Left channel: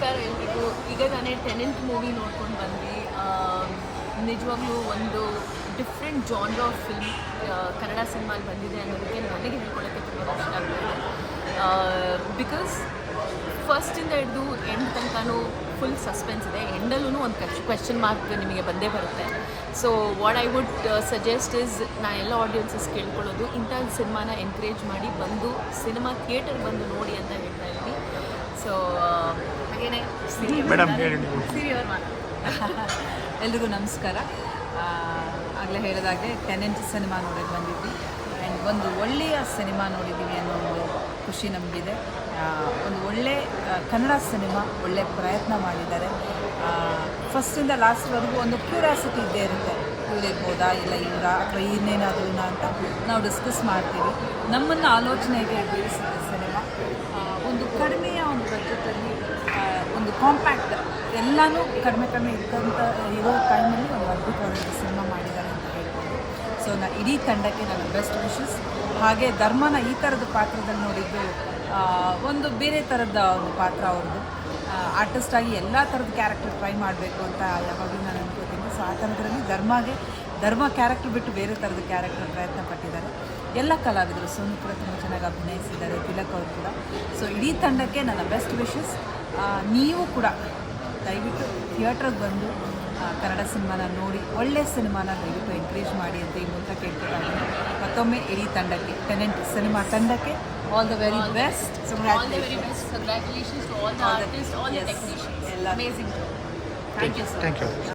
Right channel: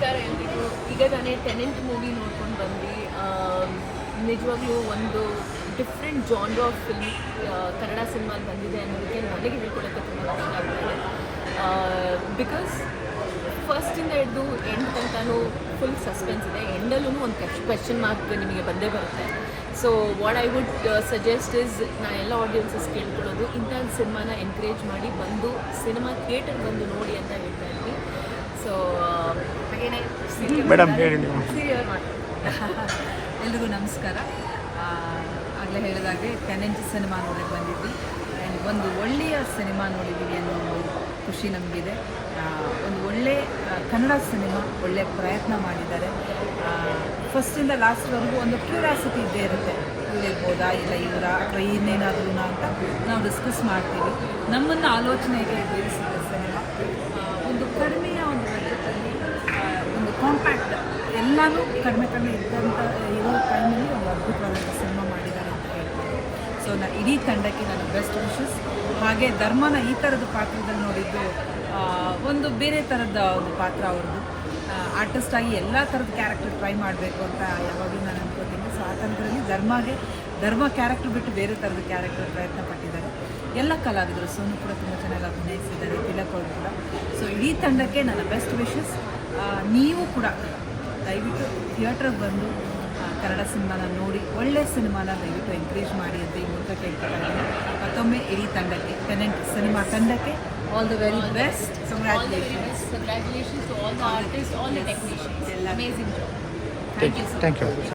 ನಮಸ್ಕಾರ ಎಲ್ರಿಗೂ. ಈಗ ತಾನೇ ಟೆನೆಂಟ್ ಮೂವಿ ನೋಡ್ಕೊಂಡು ಬಂದ್ವಿ. ನಿಜವಾಗ್ಲೂ ಒಂದು different genre of film Kannada ಸಿನಿಮಾಲ್ಲಿ ಬಂದಿದೆ ಅನ್ನೋದಕ್ಕೆ ನನಗೆ ಹೇಳ್ಕೊಳಕ್ಕೆ ತುಂಬ ಖುಷಿ ಆಗ್ತಾಯಿದೆ. ಬಿಕಾಸ್ ಫಸ್ಟಿಂದ ಹಿಡಿದು ಎಂಡ್ ತನಕನೂ ಫುಲ್ ಸಸ್ಪೆನ್ಸ್ ಇದೆ. ಎಂಡಲ್ಲೂ ಒಂದು ಕ್ವೆಶ್ಚನ್ ಮಾರ್ಕ್ ನಿಮಗೆ ಬಂದೇ ಬರುತ್ತೆ. So what I would suggest is, ನಾನು ಎಲ್ಲ ಆಡಿಯನ್ಸಸ್ ಕೇಳ್ಕೊಳ್ಳೋದು, ಇಂಥ ಸಿನಿಮಾನ ಎನ್ಕರೇಜ್ ಮಾಡಿ ಬಂದು ಸಿನಿಮಾ ಥಿಯೇಟರ್ ಬಂದು ನೋಡಿ ಅಂತ ಹೇಳ್ತಾ ಇದ್ದೀನಿ. ಸೊ ಹಾಗೇನೆ ಮೇಡಮ್ ಎಲ್ರಿಗೂ ನಮಸ್ಕಾರ. ಆಗಲೇ ಹೇಳಿದಾಗೆ ಟೆನೆಂಟ್ ಸಿನಿಮಾ ನೋಡಿ ಬಂದಿದ್ವಿ. ಆ್ಯಂಡ್ ಒಂದು ಒಳ್ಳೆಯ ಸಿನಿಮಾ ನೋಡಿದ್ದೀವಿ ಅನ್ನೋ ಒಂದು ಖುಷಿ ನಮಗಿದೆ. ಒಂದು ಒಳ್ಳೆ ಕನ್ನಡ ಸಿನಿಮಾ, ಒಳ್ಳೆಯ ಪ್ರಯತ್ನ ಮಾಡಿದ್ದಾರೆ. ಫಸ್ಟಿಂದ ಲಾಸ್ಟ್ವರೆಗೂ ಒಂದು ಕ್ಯೂರಿಯಾಸಿಟಿ ಇದ್ದೇ ಇರುತ್ತೆ, ಇವ್ರಿರ್ಬೋದಾ ಇಲ್ಲ ಇವರ ಅಥವಾ ಇನ್ನೇನಾದ್ರೂ ಅಂತ ನಾವು ಡಿಸ್ಕಸ್ ಮಾಡ್ತೀವಿ. ನಮ್ಮನ್ನು ಆಲೋಚನೆಗೆ ಬೀಳಿಸಿದ ಸಿನಿಮಾ ಒಂದು ಕಡಿಮೆಯ ಒಂದು ಬಜೆಟಲ್ಲಿ ಒಂದು ಕಾಂಪ್ಯಾಕ್ಟ್ ಎಲ್ಲನೂ ಕಡಿಮೆ ಇದ್ದಂಥ ಇರೋ ಟೈಮಲ್ಲಿ ಒಂದು ಅದ್ಭುತವಾದ ಸಿನಿಮಾ ಮಾಡಿದ್ದಾರೆ ಅಂತ ಹೇಳ್ಬೋದು. ಸೊ ಇಡೀ ತಂಡಕ್ಕೆ ನನ್ನ ಬೆಸ್ಟ್ ವಿಶಸ್. ಹಾಗೆ ಧರ್ಮನ ಈ ಥರದ ಪಾತ್ರದಲ್ಲಿ ನೋಡಿದ್ದು ಒಂದು ಬೇರೆ ಥರದ ಒಂದು ಪಾತ್ರ ಅವ್ರದ್ದು. ಆರ್ಟಿಸ್ಟಾಗಿ ಎಲ್ಲ ಥರದ ಕ್ಯಾರೆಕ್ಟರ್ ಟ್ರೈ ಮಾಡಬೇಕು ಅಂತ ಯಾವಾಗಲೂ ನಾನು ಅನ್ಕೋತೀನಿ. ಸೊ ಆ ಥರದಲ್ಲಿ ಧರ್ಮ ಕ್ಯಾರೆಕ್ಟರ್ ಬಿಟ್ಟು ಬೇರೆ ಥರದ ಕ್ಯಾರೆಕ್ಟರ್ ಪ್ರಯತ್ನ ಪಟ್ಟಿದ್ದಾರೆ. ಎಲ್ಲ ಕಲಾವಿದರು, ಸೋನು ಕೂಡ ತುಂಬ ಚೆನ್ನಾಗಿ ಅಭಿನಯಿಸಿದ್ದಾರೆ, ತಿಲಕ್ ಅವರು ಕೂಡ. ಸೊ ಇಡೀ ತಂಡಕ್ಕೆ ನನ್ನ ಬೆಸ್ಟ್ ವಿಶಸ್. ನೀವು ಕೂಡ ದಯವಿಟ್ಟು ಥಿಯೇಟ್ರಿಗೆ ಬಂದು ಕನ್ನಡ ಸಿನಿಮಾನ ನೋಡಿ, ಒಳ್ಳೆಯ ಸಿನಿಮಾನ ದಯವಿಟ್ಟು ಎಂಕರೇಜ್ ಮಾಡಿ ಅಂತ ಈ ಮೂಲಕ ಕೇಳ್ಕೊಳ್ತೀನಿ. ಮತ್ತೊಮ್ಮೆ ಇಡೀ ತಂಡಕ್ಕೆ, ಟೆನೆಂಟ್ ಸಿನಿಮಾ ತಂಡಕ್ಕೆ all the very best. Congratulations to all the artists, all the technicians. Amazing job. Thank you so much. Thank you.